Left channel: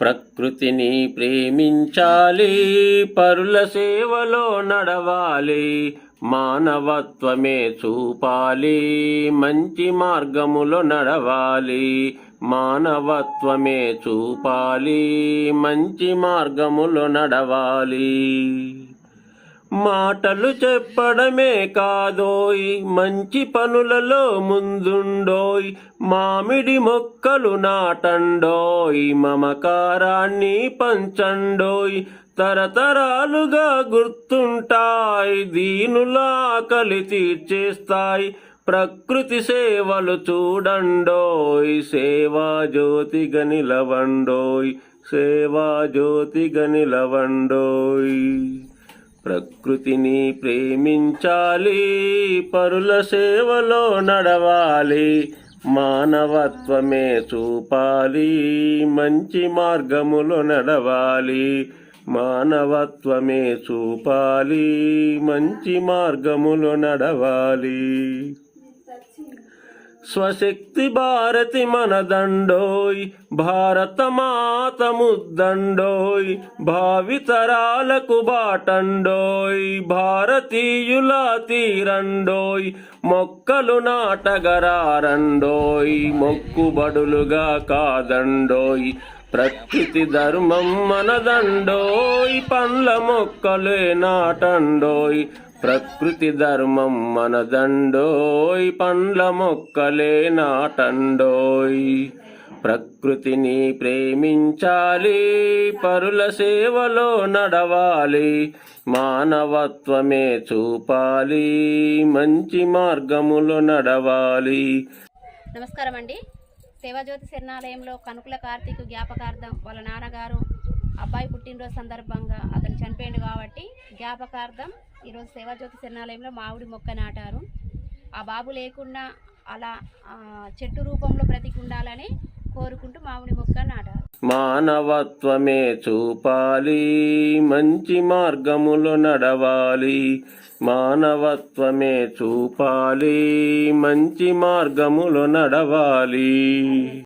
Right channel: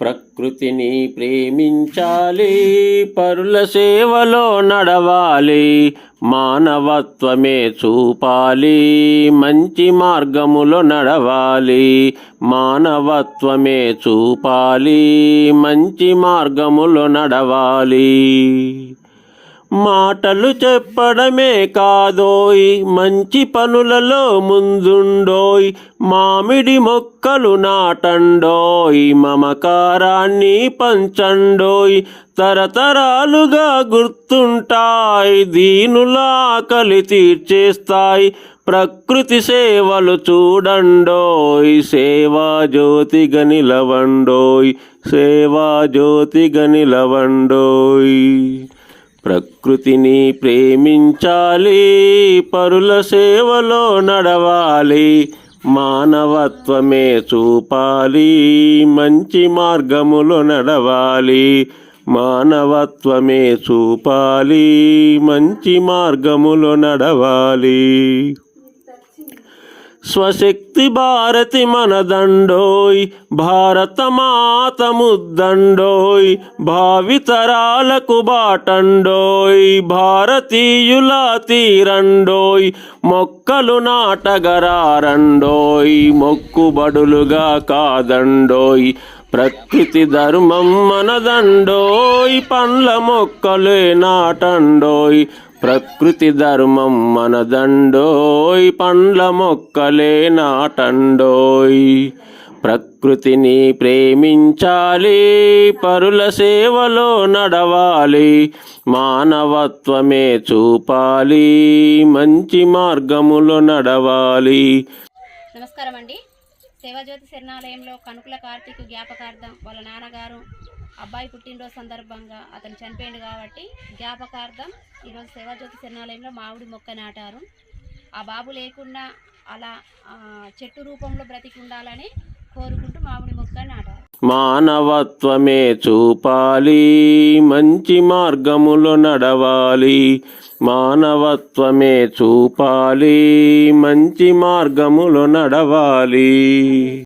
ప్రకృతిని ప్రేమించాలి, పరుల సేవలో నడవాలి, మానవత్వమే చూపాలి, మంచి మార్గములో నడవాలి, మానవత్వమే చూపాలి, మంచి మార్గములో నడవాలి. మాటలు చెప్పడమే కాదోయ్, మంచి పనులలో ముందుండోయ్, మామిడి మొక్కలు నాటండోయ్, మమకారాన్ని పంచండోయ్, తరతరాలుగా గుర్తుంటాయి, దీనుల ఆకలి తీర్చేస్తాయి, ప్రకృతి సేవలు చూడండోయ్, సేవా జ్యోతిగా నిలవండోయ్, సేవా జ్యోతిగా నిలవండోయ్. ప్రకృతిని ప్రేమించాలి, పరుల సేవలో నడవాలి, మానవత్వమే చూపాలి, మంచి మార్గములో నడవాలి, మానవత్వమే చూపాలి, మంచి మార్గములో నడవాలి. స్వశక్తి భారతి మనదండోయ్, భారత మాత ముద్దండోయ్, భావితరాలకు బాటండోయ్, భారతీయుల తీరండోయ్, మొక్కలు నాటగరారండోయ్, మొక్కుబడులుగా కాదండోయ్, ప్రకృతి ధర్మం మనదండోయ్, పండ్ల మొక్కలే నాటండోయ్, ప్రకృతి ధర్మం మనదండోయ్, పండ్ల మొక్కలే నాటండోయ్. ప్రకృతిని ప్రేమించాలి, పరుల సేవలో నడవాలి, మానవత్వమే చూపాలి, మంచి మార్గములో నడవాలి. నమస్కారం అండి. సేవాజ్యోతి శరణాలయంలో కనుకుల కార్తీక్ జ్ఞాపకార్థం వాళ్ళ నాన్నగారు అబ్బాయి పుట్టినరోజు సందర్భంగా అతను చనిపోయింది కాబట్టి జ్ఞాపకార్థం ఈరోజు సేవాజ్యోతి శరణాలయంలో మామిడి మొక్క నాటారు. ఆ బాబు లేకుండా అలా చెట్టు రూపంలో బ్రతికి ఉండాలని కోరుకుంటూ మామిడి మొక్క నాటారు. మానవత్వమే చూపాలి, మంచి మార్గములో నడవాలి, మానవత్వమే చూపాలి, మంచి మార్గములో నడవాలి.